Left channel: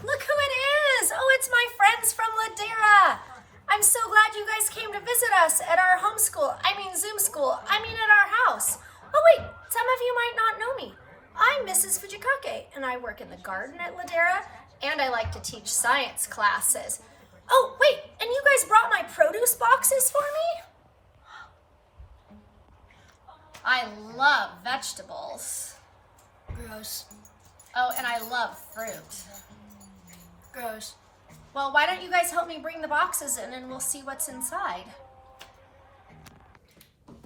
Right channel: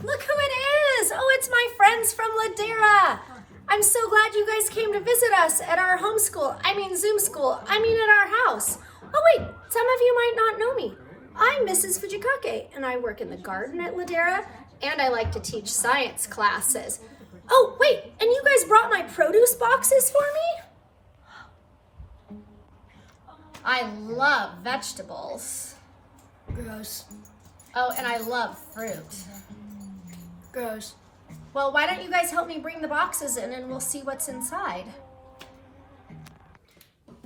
Look who it is! Oh, it's my friends from Ladera. I'm so glad you guys came to visit us at our Zoom school, at our house. Oh wait, some of you might not know me. I'm Mrs. Fujikake, and I work in the garden at Ladera, and I like to teach science classes. Oh wait, and you guys brought my produce boxes for me? I love vegetables. Gross. Oh, and I love fruit. Gross. Well, why don't you guys help me bring the boxes in and we'll see what's inside.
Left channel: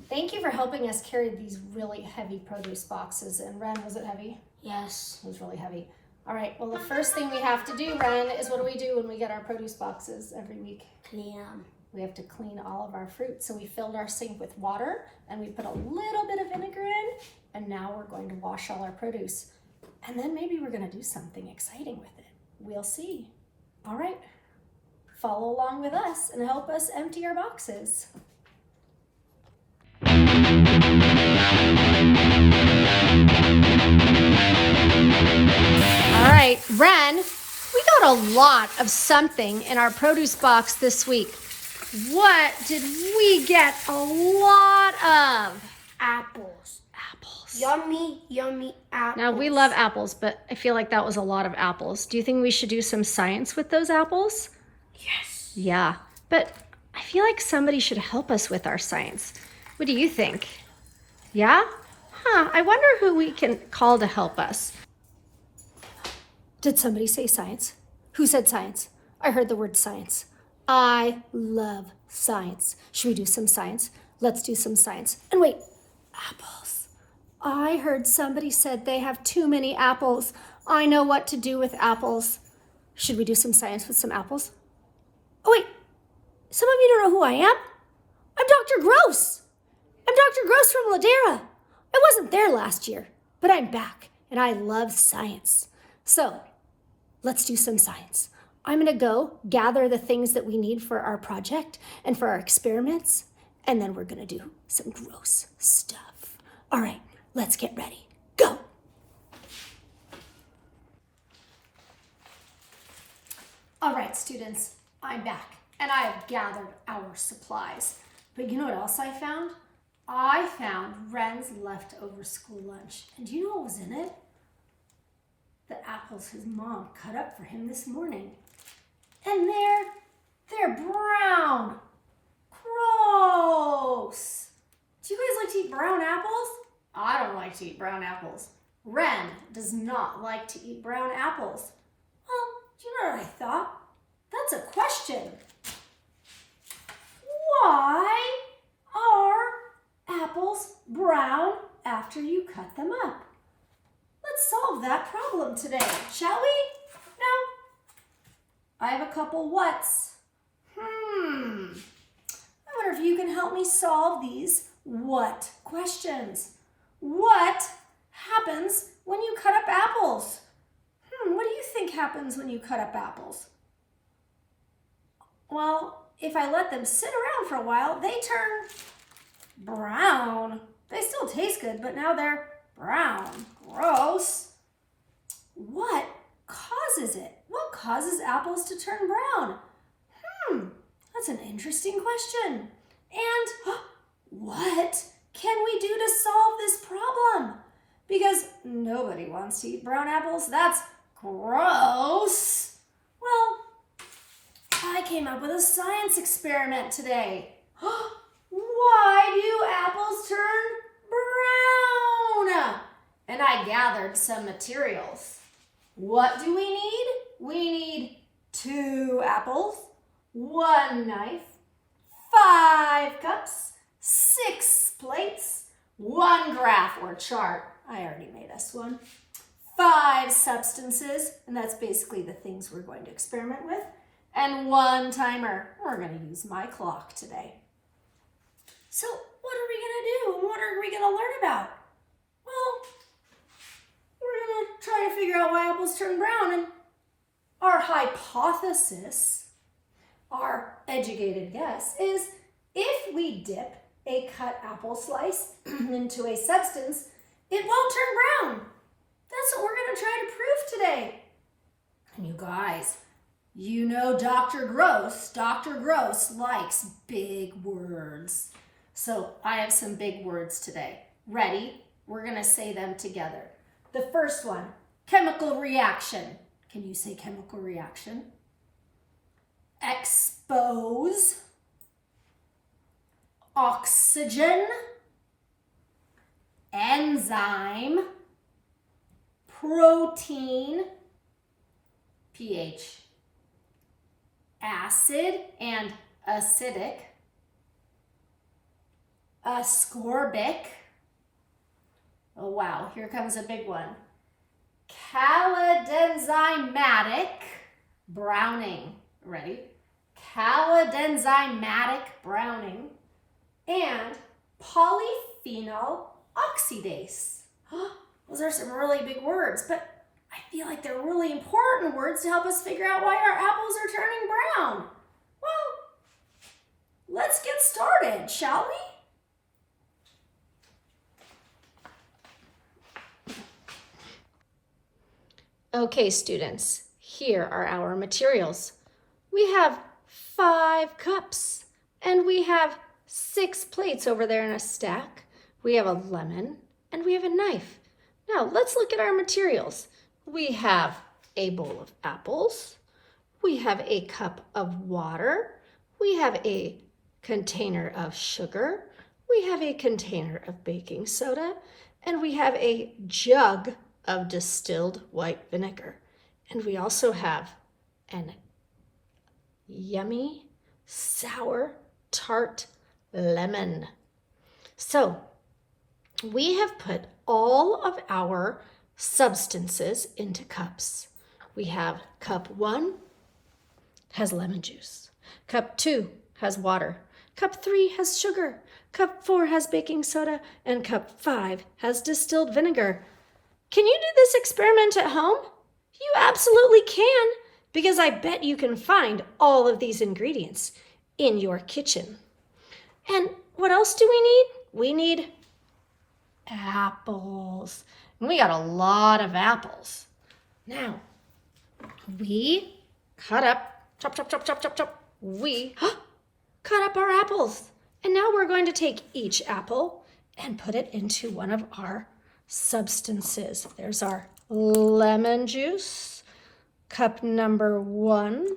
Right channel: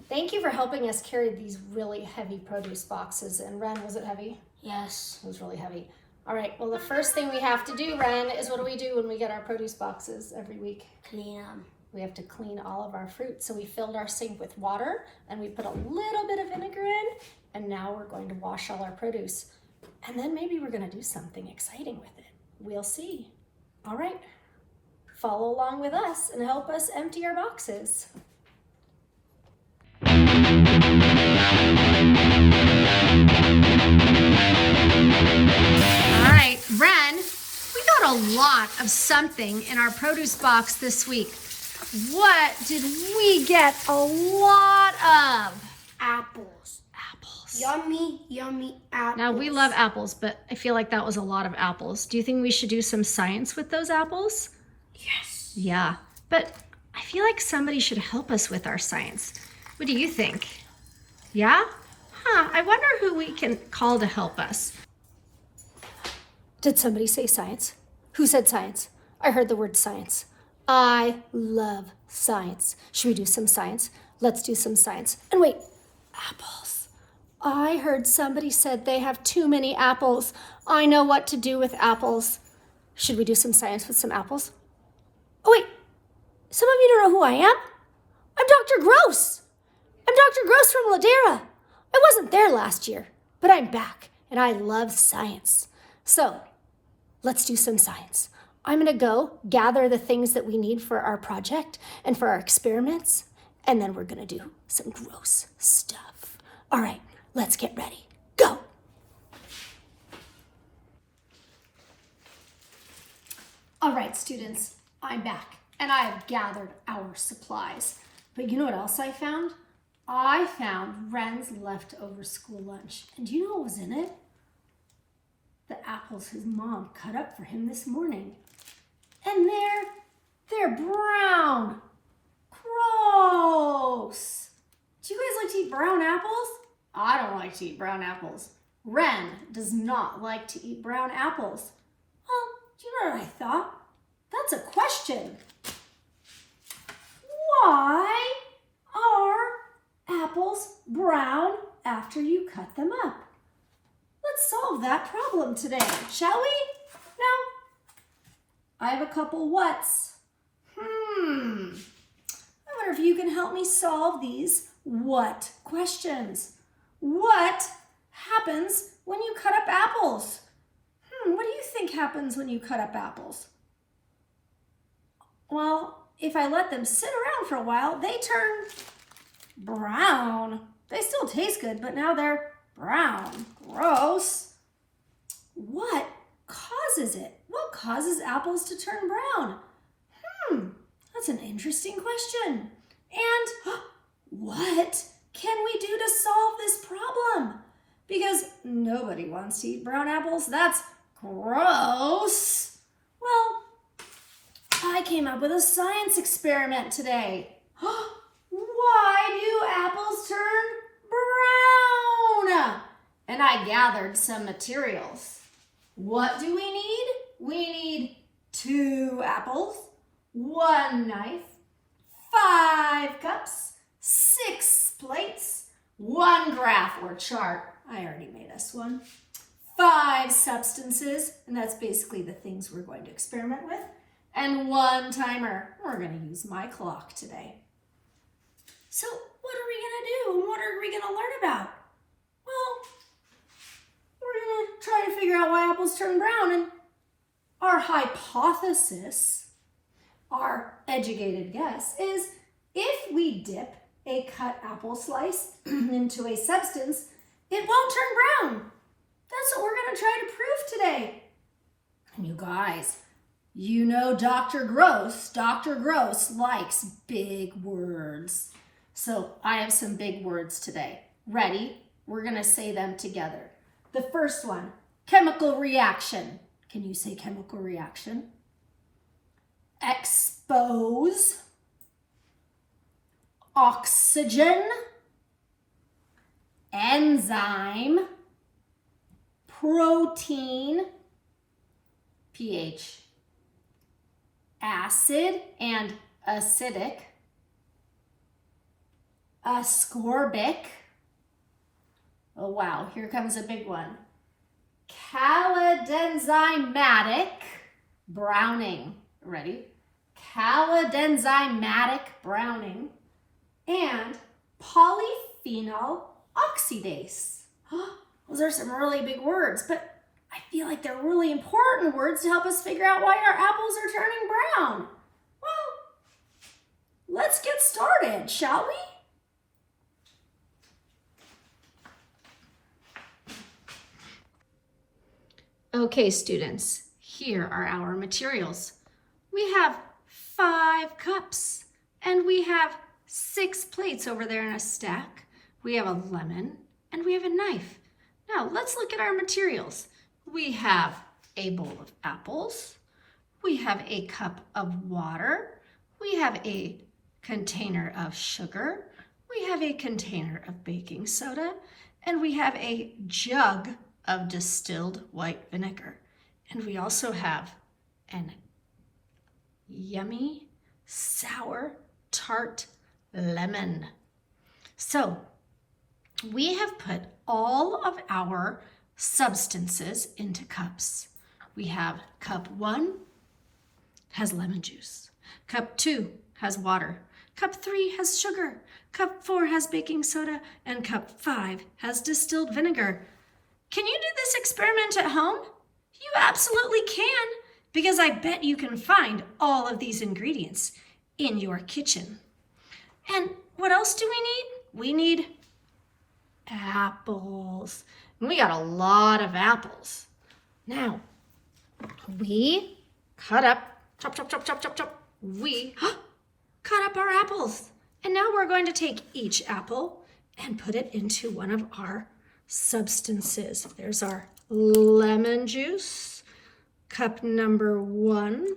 Thank you for helping us carry these really heavy produce boxes. And Ren, was it heavy? Yes. It was really heavy. All right, well, the first thing we have to do, Ren, is what do we do when we get our produce boxes every week? Clean them. We have to clean all of our fruit. So we filled our sink with water and we put a little bit of vinegar in, and now we're going to wash all our produce. And then maybe we're going to do something exciting with it. We'll see. All right, follow along with us and help us empty our boxes. All right, Ren, we got a lot of something in our produce box this week. What did we get a lot of? Apples. Apples. Yummy, yummy apples. Now, we love apples, but I feel like that was a lot of apples. Do you think we should do some science with those apples? Yes. Yeah, but I feel like somebody should help us with our science. What do you think? Yeah? I wonder who we can call to help us. Did somebody say science? Who said science? I heard the word science. I love science. Should we do some science? Let's do some science. And wait, apples. I heard somebody said they have too many apples. I know what to do with apples. Should we do some science with some apples? Oh wait, some of you don't know who I am? I'm Dr. Gross. I'm Dr. Gross from Ladera. I wasn't there last year, but I'm back and I love science. So let's do some science. I'm gonna go gather the things that we need for our project and for our experiments, and then we're gonna do some gross stuff. All right, let's get ready. Go. All right, students, I'm back and I have gathered our supplies. But you know what else I found? I found Ren's leftover school lunch. And do you know what was in it? The apples his mom cut up for him this morning. And they're brown. Gross. Do you guys like to eat brown apples? I don't like to eat brown apples. Ren does not like to eat brown apples. Well, do you know what I thought? That's a question. Why are apples brown after you cut them up? Let's solve that problem today, shall we? No? I have a couple whats. I wonder if you can help me solve these what questions. What happens when you cut up apples? What do you think happens when you cut up apples? Well, if I let them sit around for a while, they turn brown. They still taste good, but now they're brown. Gross. What causes it? What causes apples to turn brown? That's an interesting question. And what can we do to solve this problem? Because nobody wants to eat brown apples. That's gross. Well, I came up with a science experiment today. Why do apples turn brown? And I gathered some materials. What do we need? We need 2 apples, 1 knife, 5 cups, 6 plates, 1 graph or chart. I already made us one. 5 substances, and that's basically the things we're going to experiment with, and 1 timer. We're going to use my clock today. So what are we going to do and what are we going to learn about? Well, we're going to try to figure out why apples turn brown, and our hypothesis, our educated guess, is if we dip a cut apple slice into a substance, it won't turn brown. That's what we're going to try to prove today. And you guys, you know Dr. Gross likes big words. So I have some big words today. Ready? We're going to say them together. The first one, chemical reaction. Can you say chemical reaction? Expose, oxygen, enzyme, protein, pH, acid and acidic, ascorbic. Oh wow, here comes a big one. Calodenzymatic browning. Ready? Calodenzymatic browning and polyphenol oxidase. Those are some really big words, but I feel like they're really important words to help us figure out why our apples are turning brown. Well, let's get started, shall we? Okay, students, here are our materials. We have 5 cups and we have 6 plates over there in a stack. We have a lemon and we have a knife. Now let's look at our materials. We have a bowl of apples. We have a cup of water. We have a container of sugar. We have a container of baking soda. And we have a jug of distilled white vinegar. And we also have an yummy, sour, tart lemon. So we have put all of our substances into cups. We have cup 1 has lemon juice. Cup 2 has water. Cup 3 has sugar. Cup 4 has baking soda. And cup 5 has distilled vinegar. Can you do this experiment at home? You absolutely can, because I bet you can find all of these ingredients in your kitchen. And what else do we need? We need apples. And we got a lot of apples. Now, we cut up, chop. We cut up our apples. And now we're going to take each apple and put it into one of our substances. There's our lemon juice, cup number 1.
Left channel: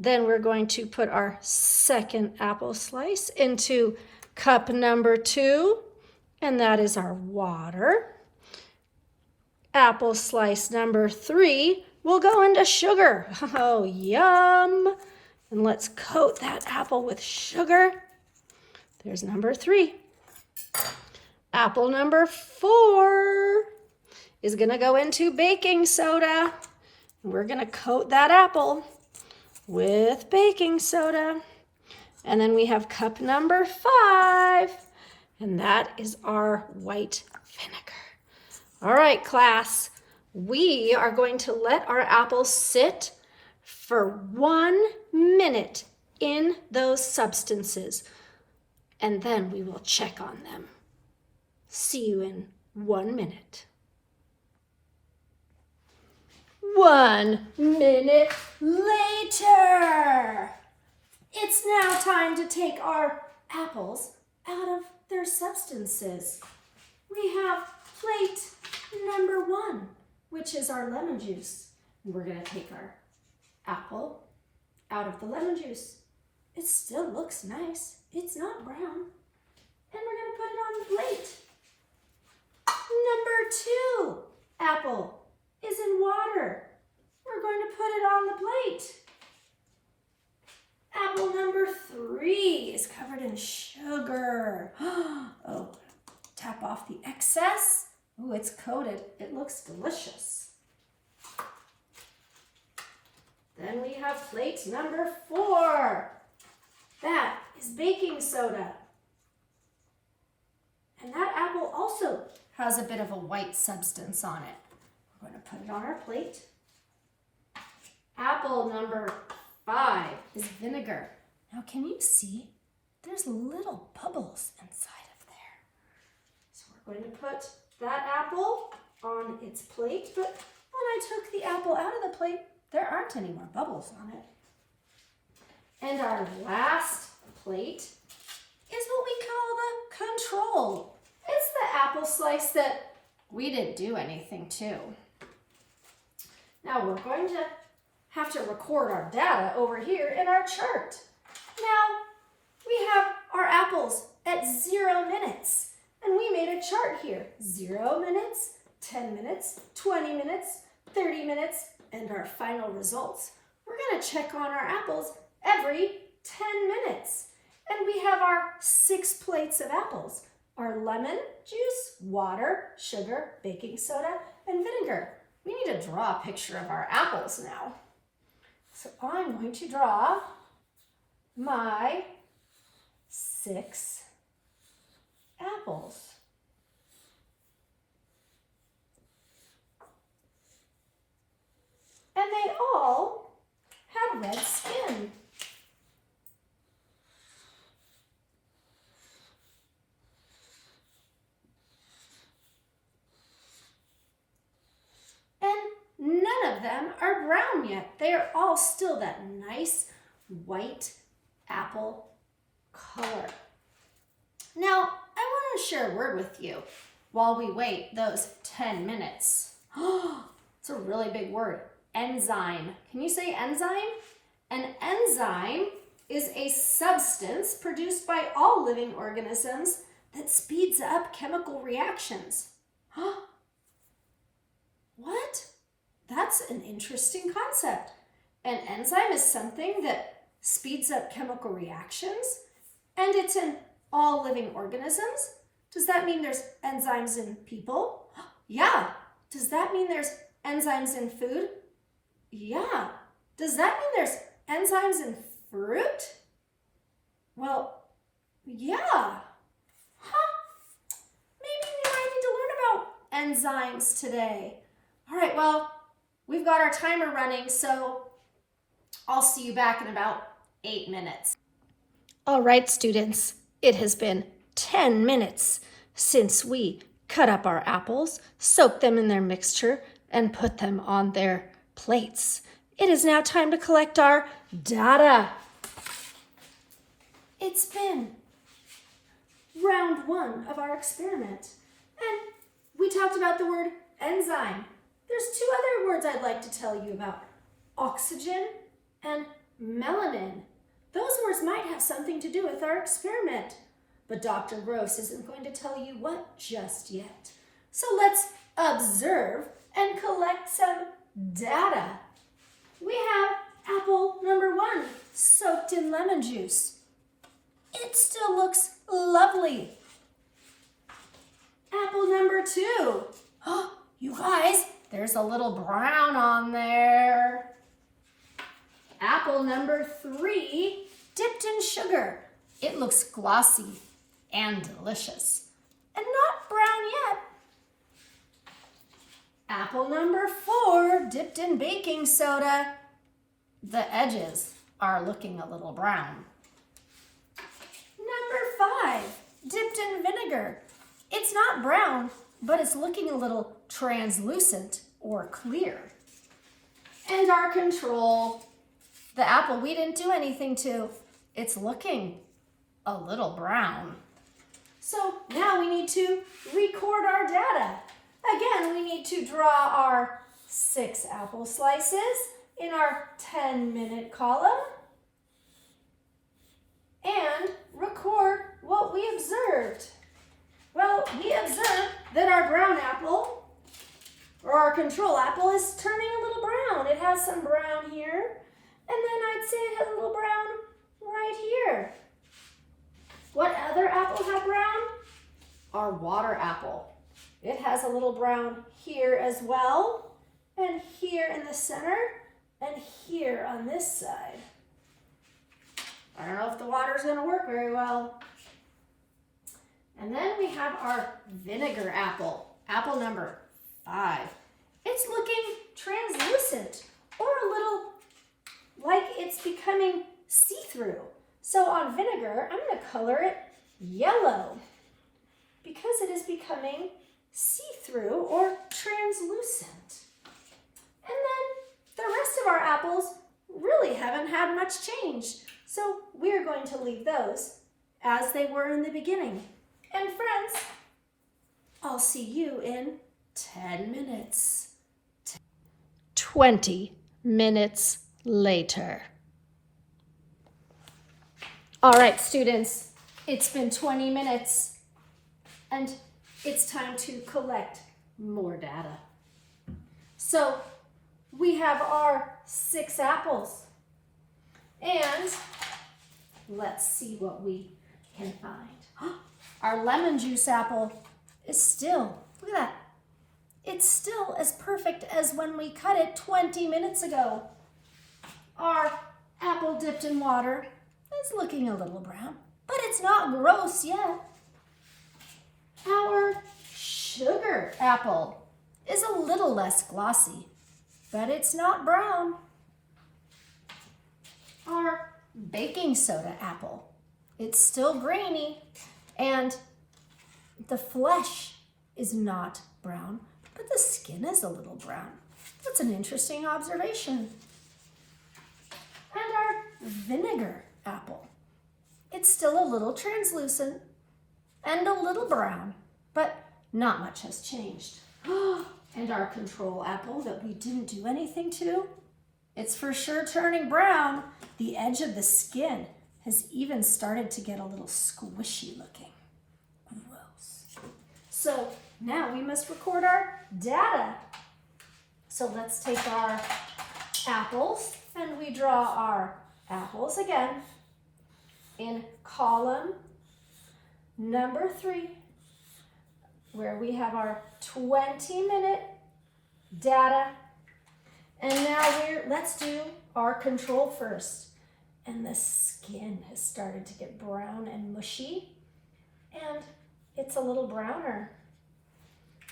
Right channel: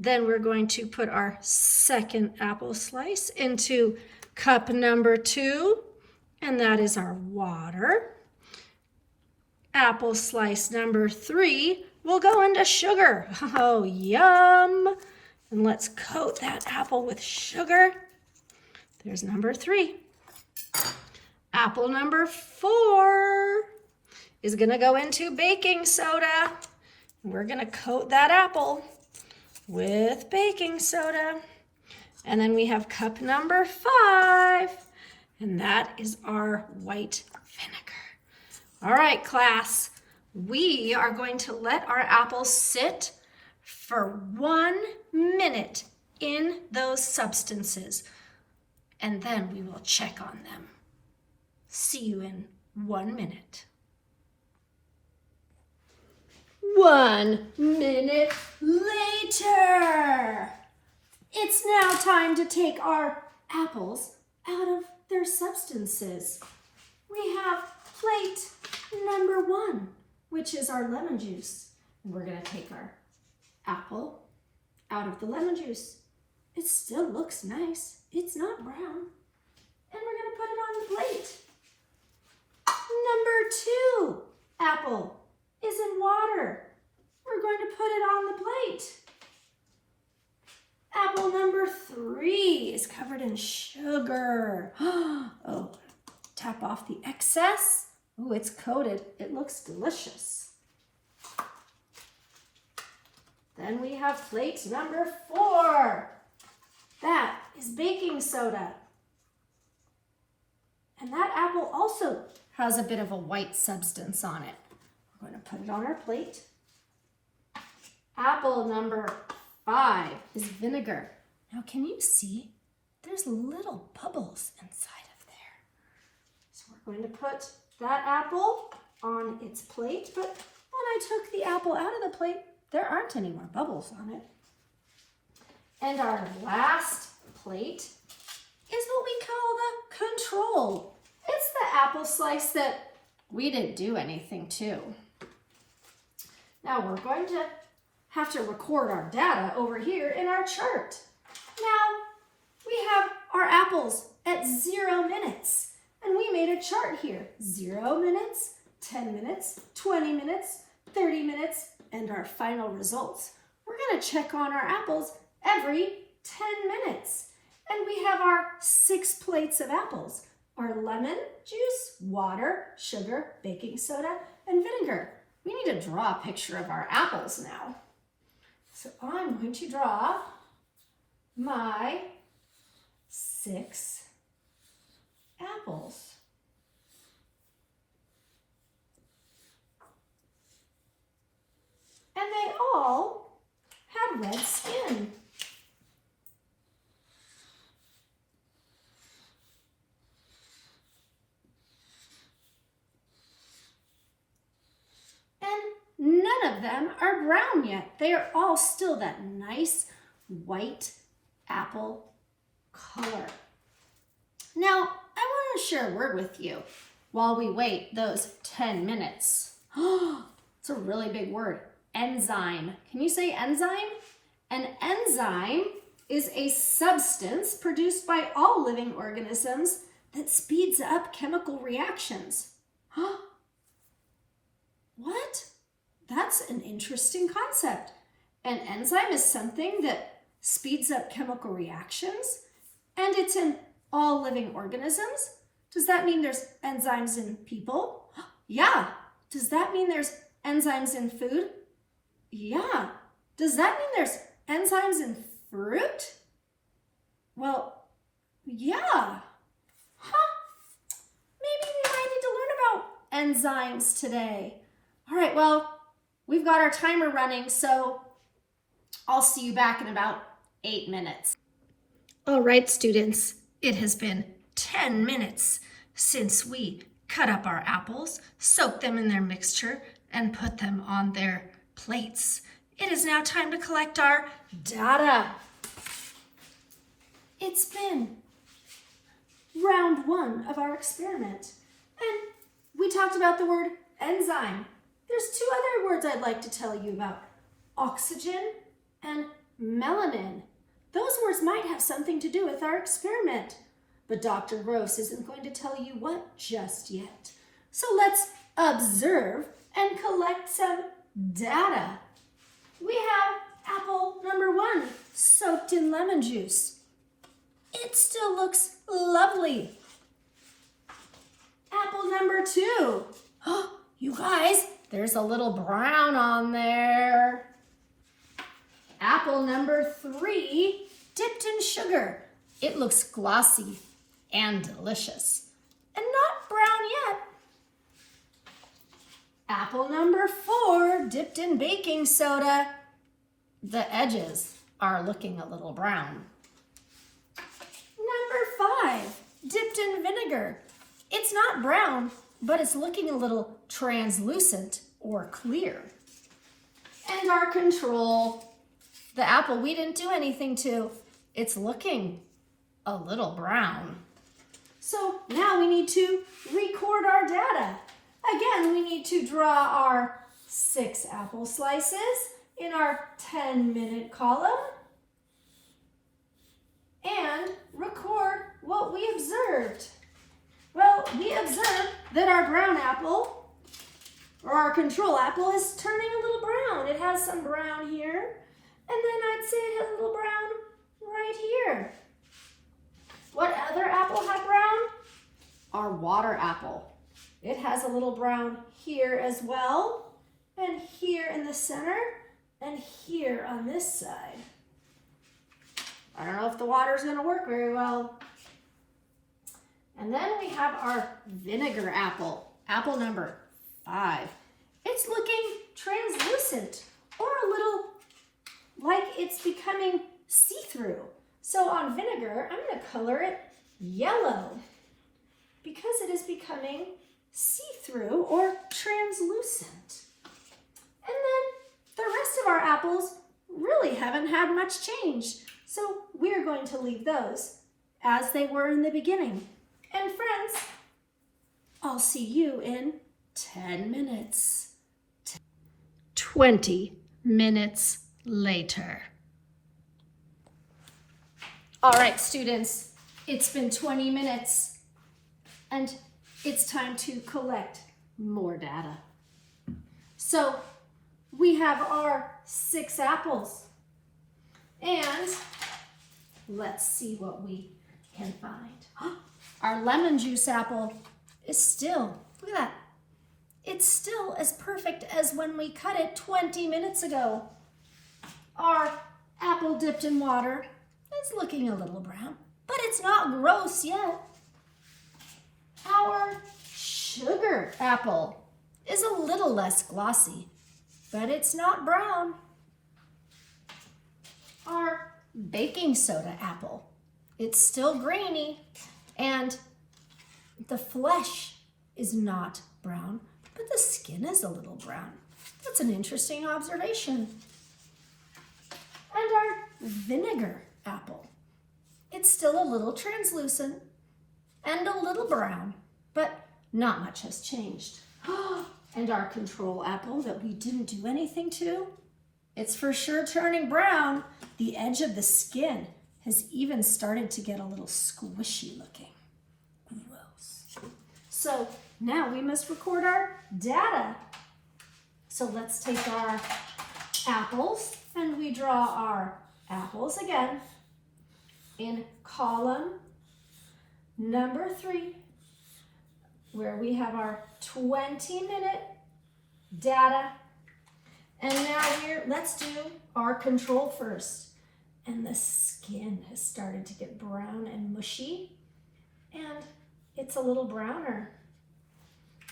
Then we're going to put our second apple slice into cup number 2, and that is our water. Apple slice number 3 will go into sugar. Oh, yum! And let's coat that apple with sugar. There's number 3. Apple number 4 is going to go into baking soda. We're going to coat that apple with baking soda. And then we have cup number 5, and that is our white vinegar. All right, class, we are going to let our apples sit for 1 minute in those substances, and then we will check on them. See you in 1 minute. 1 minute later. It's now time to take our apples out of their substances. We have plate number 1, which is our lemon juice. And we're going to take our apple out of the lemon juice. It still looks nice. It's not brown. And we're going to put it on the plate. Number 2 apple is in water. We're going to put it on the plate. Apple number 3 is covered in sugar. Oh, tap off the excess. Oh, it's coated. It looks delicious. Then we have plate number 4. That is baking soda. And that apple also has a bit of a white substance on it. We're going to put it on our plate. Apple number 5 is vinegar. Now, can you see? There's little bubbles inside of there. So we're going to put that apple on its plate, but when I took the apple out of the plate, there aren't any more bubbles on it. And our last plate is what we call the control. It's the apple slice that we didn't do anything to. Now we're going to have to record our data over here in our chart. Now we have our apples at 0 minutes, and we made a chart here. 0 minutes, 10 minutes, 20 minutes, 30 minutes, and our final results. We're going to check on our apples every 10 minutes. And we have our 6 plates of apples, our lemon juice, water, sugar, baking soda, and vinegar. We need to draw a picture of our apples now. So I'm going to draw my 6 apples. And they all had red skin. And none of them are brown yet. They are all still that nice white apple color. Now, I want to share a word with you while we wait those 10 minutes. It's a really big word. Enzyme. Can you say enzyme? An enzyme is a substance produced by all living organisms that speeds up chemical reactions. What? That's an interesting concept. An enzyme is something that speeds up chemical reactions, and it's in all living organisms. Does that mean there's enzymes in people? Yeah. Does that mean there's enzymes in food? Yeah. Does that mean there's enzymes in fruit? Well, yeah. Maybe we might need to learn about enzymes today. All right, well, we've got our timer running, so I'll see you back in about 8 minutes. All right, students, it has been 10 minutes since we cut up our apples, soaked them in their mixture, and put them on their plates. It is now time to collect our data. It's been round 1 of our experiment, and we talked about the word enzyme. There's 2 other words I'd like to tell you about: oxygen and melanin. Those words might have something to do with our experiment, but Dr. Gross isn't going to tell you what just yet. So let's observe and collect some data. We have apple number 1 soaked in lemon juice. It still looks lovely. Apple number 2. Oh, you guys, there's a little brown on there. Apple number 3, dipped in sugar. It looks glossy and delicious, and not brown yet. Apple number 4, dipped in baking soda. The edges are looking a little brown. Number 5, dipped in vinegar. It's not brown, but it's looking a little translucent or clear. And our control, the apple we didn't do anything to, it's looking a little brown. So now we need to record our data. Again, we need to draw our 6 apple slices in our 10-minute column and record what we observed. Well, we observed that our brown apple, or our control apple, is turning a little brown. It has some brown here, and then I'd say it has a little brown right here. What other apple had brown? Our water apple. It has a little brown here as well, and here in the center, and here on this side. I don't know if the water's gonna work very well. And then we have our vinegar apple, apple number 5. It's looking translucent, or a little like it's becoming see-through. So on vinegar, I'm gonna color it yellow because it is becoming see-through. see-through or translucent. And then the rest of our apples really haven't had much change. So we're going to leave those as they were in the beginning. And friends, I'll see you in 10 minutes. 20 minutes later. All right, students, it's been 20 minutes and it's time to collect more data. So we have our 6 apples and let's see what we can find. Our lemon juice apple is still, look at that. It's still as perfect as when we cut it 20 minutes ago. Our apple dipped in water is looking a little brown, but it's not gross yet. Our sugar apple is a little less glossy, but it's not brown. Our baking soda apple, it's still grainy, and the flesh is not brown, but the skin is a little brown. That's an interesting observation. And our vinegar apple, it's still a little translucent and a little brown, but not much has changed. And our control apple that we didn't do anything to, it's for sure turning brown. The edge of the skin has even started to get a little squishy looking. Gross. So now we must record our data. So let's take our apples and we draw our apples again in column number 3, where we have our 20-minute data. And now let's do our control first. And the skin has started to get brown and mushy, and it's a little browner.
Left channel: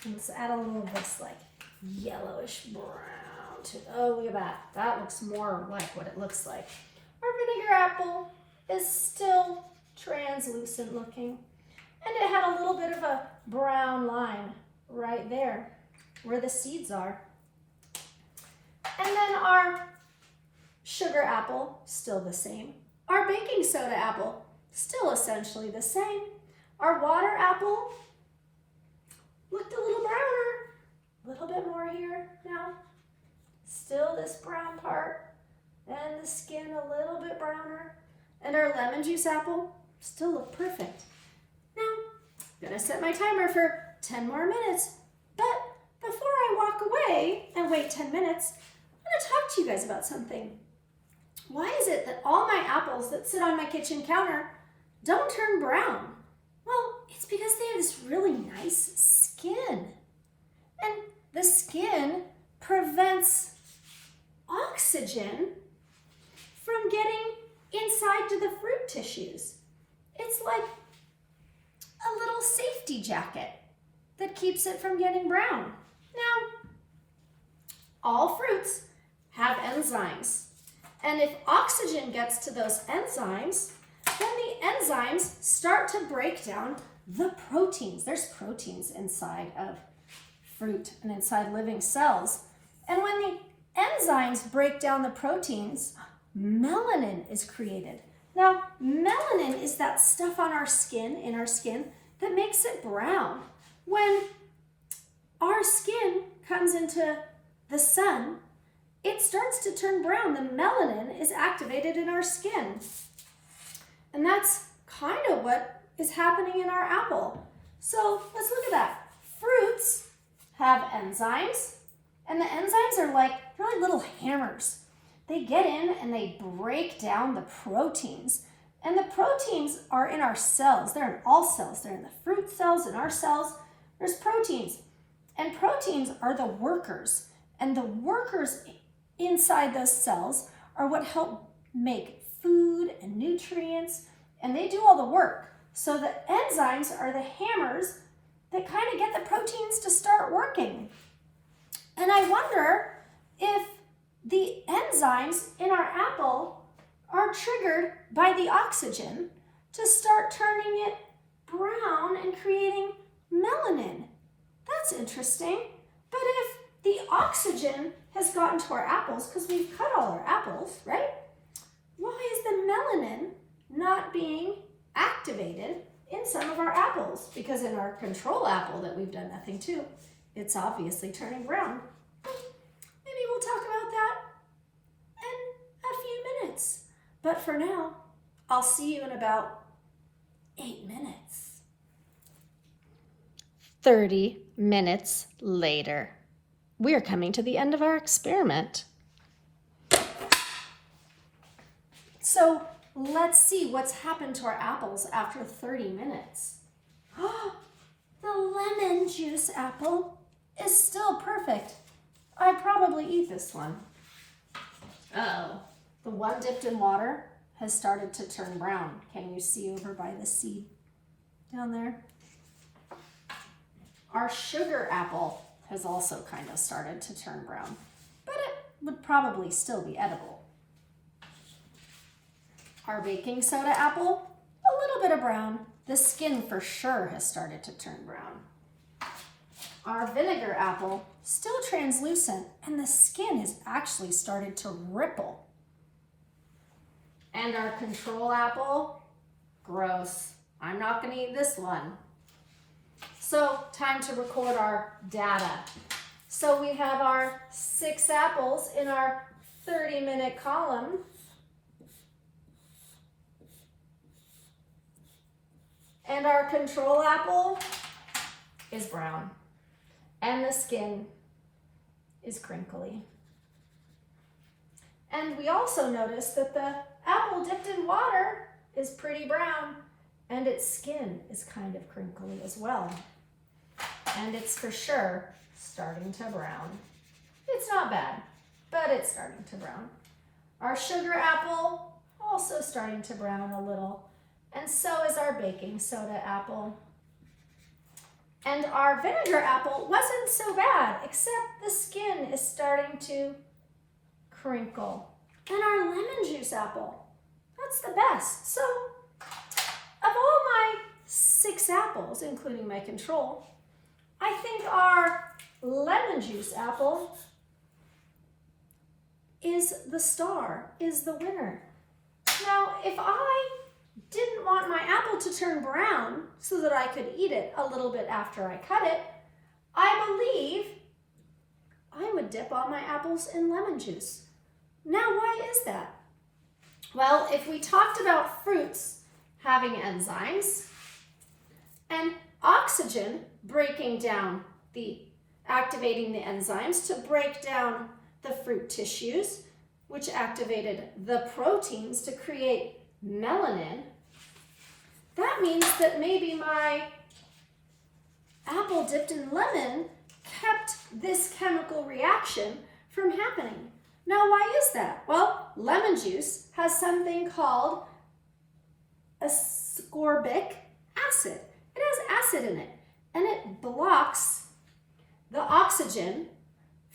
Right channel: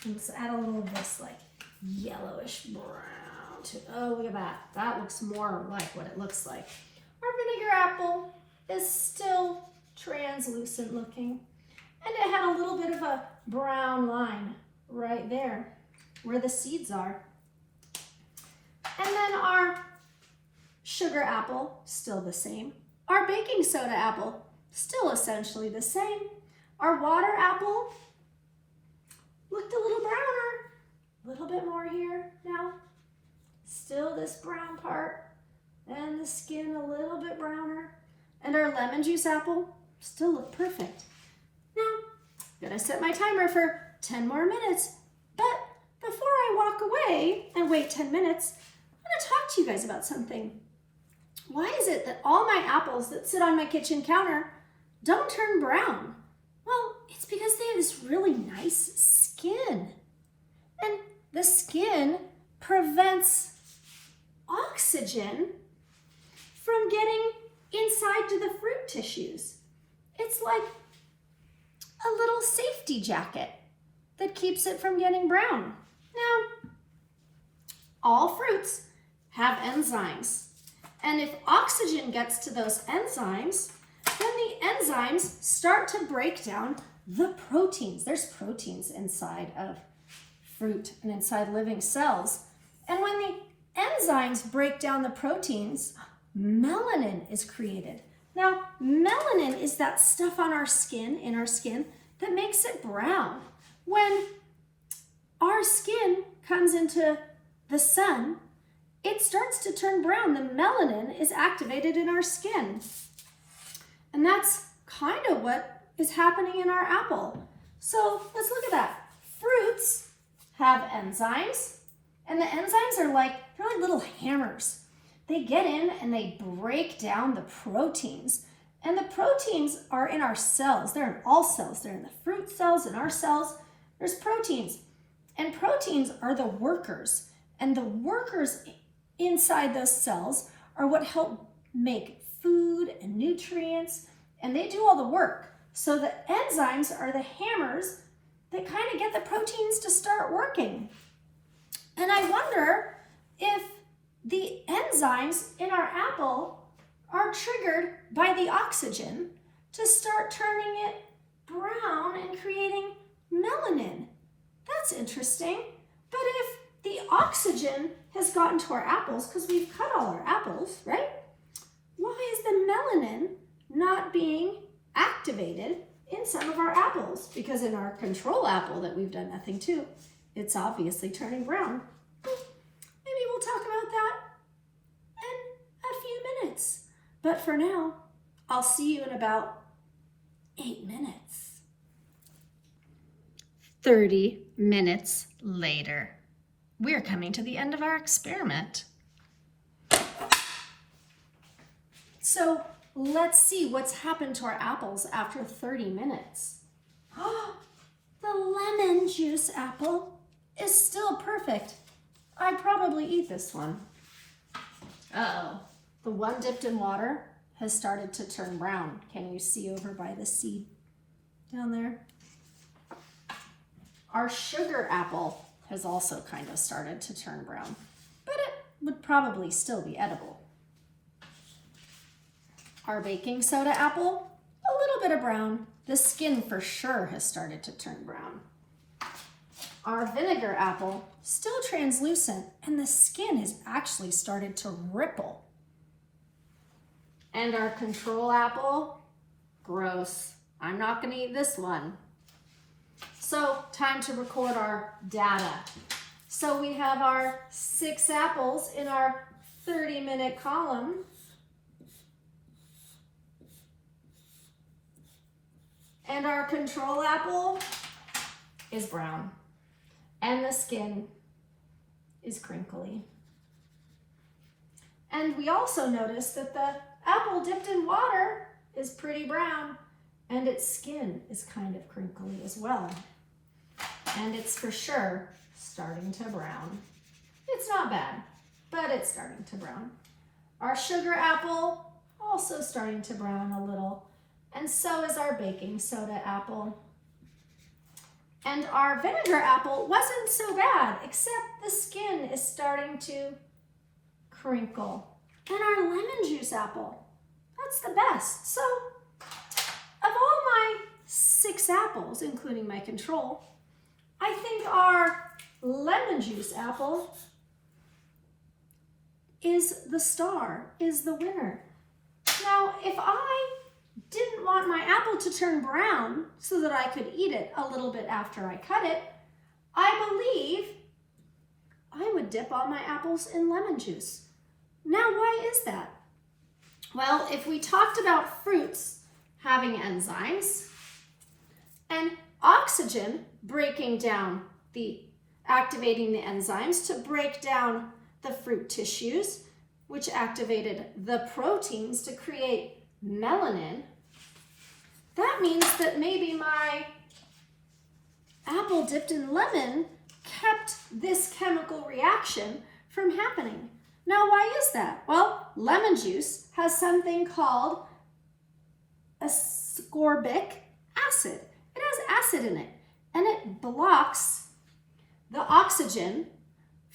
Let's add a little of this like yellowish brown to, oh, look at that. That looks more like what it looks like. Our vinegar apple is still translucent looking, and it had a little bit of a brown line right there where the seeds are. And then our sugar apple, still the same. Our baking soda apple, still essentially the same. Our water apple looked a little browner, a little bit more here now. Still this brown part, and the skin a little bit browner. And our lemon juice apple still look perfect. Now, I'm gonna set my timer for 10 more minutes, but before I walk away and wait 10 minutes, I'm gonna talk to you guys about something. Why is it that all my apples that sit on my kitchen counter don't turn brown? Well, it's because they have this really nice skin. And the skin prevents oxygen from getting inside to the fruit tissues. It's like a little safety jacket that keeps it from getting brown. Now, all fruits have enzymes. And if oxygen gets to those enzymes, then the enzymes start to break down the proteins. There's proteins inside of fruit and inside living cells. And when the enzymes break down the proteins, melanin is created. Now, melanin is that stuff on our skin, in our skin, that makes it brown. When our skin comes into the sun, it starts to turn brown. The melanin is activated in our skin. And that's kind of what is happening in our apple. So let's look at that. Fruits have enzymes, and the enzymes are like, they're like little hammers. They get in and they break down the proteins. And the proteins are in our cells. They're in all cells. They're in the fruit cells, in our cells. There's proteins. And proteins are the workers. And the workers inside those cells are what help make food and nutrients, and they do all the work. So the enzymes are the hammers that kind of get the proteins to start working. And I wonder if the enzymes in our apple are triggered by the oxygen to start turning it brown and creating melanin. that's interesting. But if the oxygen has gotten to our apples because we've cut all our apples, right? Why is the melanin not being activated in some of our apples? Because in our control apple that we've done nothing to, it's obviously turning brown. Maybe we'll talk about that in a few minutes. But for now, I'll see you in about 8 minutes. 30 minutes later. We are coming to the end of our experiment. So let's see what's happened to our apples after 30 minutes. The lemon juice apple is still perfect. I'd probably eat this one. Uh-oh. The one dipped in water has started to turn brown. Can you see over by the seed down there? Our sugar apple has also kind of started to turn brown, but it would probably still be edible. Our baking soda apple, a little bit of brown. The skin for sure has started to turn brown. Our vinegar apple, still translucent, and the skin has actually started to ripple. And our control apple, gross. I'm not gonna eat this one. So time to record our data. So we have our 6 apples in our 30-minute column. And our control apple is brown. And the skin is crinkly. And we also notice that the apple dipped in water is pretty brown, and its skin is kind of crinkly as well. And it's for sure starting to brown. It's not bad, but it's starting to brown. Our sugar apple also starting to brown a little, and so is our baking soda apple. And our vinegar apple wasn't so bad, except the skin is starting to crinkle. And our lemon juice apple, that's the best. So, of all my 6 apples, including my control, I think our lemon juice apple is the star, is the winner. Now, if I didn't want my apple to turn brown so that I could eat it a little bit after I cut it, I believe I would dip all my apples in lemon juice. Now, why is that? Well, if we talked about fruits having enzymes and oxygen breaking down activating the enzymes to break down the fruit tissues, which activated the proteins to create melanin, that means that maybe my apple dipped in lemon kept this chemical reaction from happening. Now, why is that? Well, lemon juice has something called ascorbic acid. It has acid in it, and it blocks the oxygen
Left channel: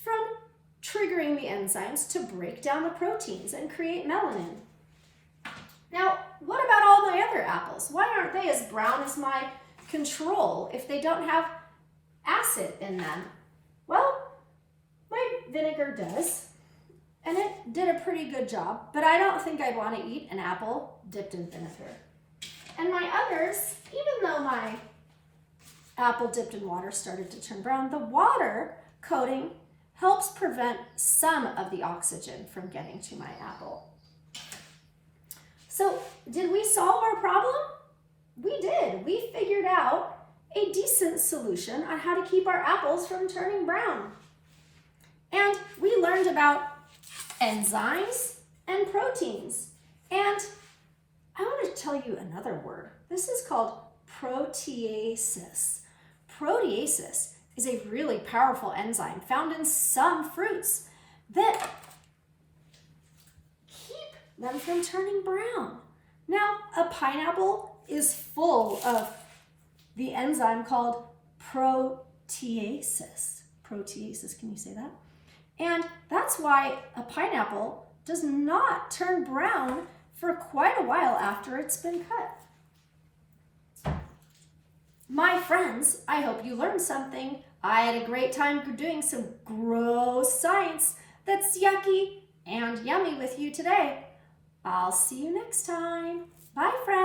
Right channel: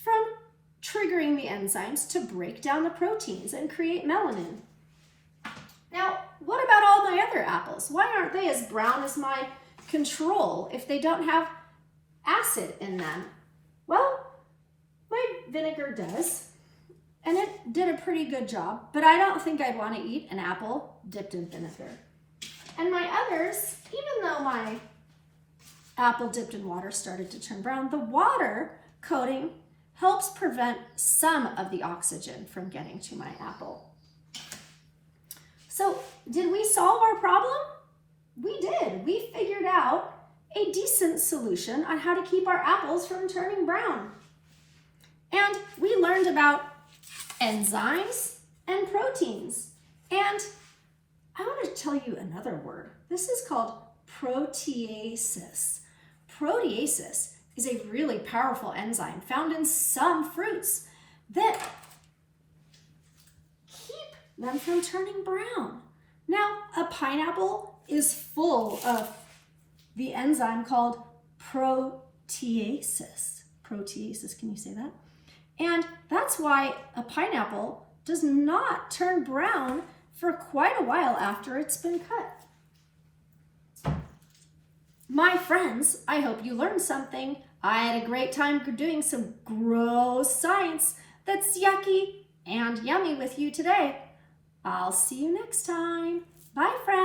from triggering the enzymes to break down the proteins and create melanin. Now, what about all my other apples? Why aren't they as brown as my control if they don't have acid in them? Well, my vinegar does, and it did a pretty good job, but I don't think I'd want to eat an apple dipped in vinegar. And my others, even though my apple dipped in water started to turn brown, the water coating helps prevent some of the oxygen from getting to my apple. So, did we solve our problem? We did. We figured out a decent solution on how to keep our apples from turning brown. And we learned about enzymes and proteins. And I want to tell you another word. This is called proteases. Proteases is a really powerful enzyme found in some fruits that keep them from turning brown. Now, a pineapple is full of the enzyme called proteases. Proteases, can you say that? And that's why a pineapple does not turn brown for quite a while after it's been cut. My friends, I hope you learned something I had a great time doing some gross science that's yucky and yummy with you today. I'll see you next time. Bye, friends.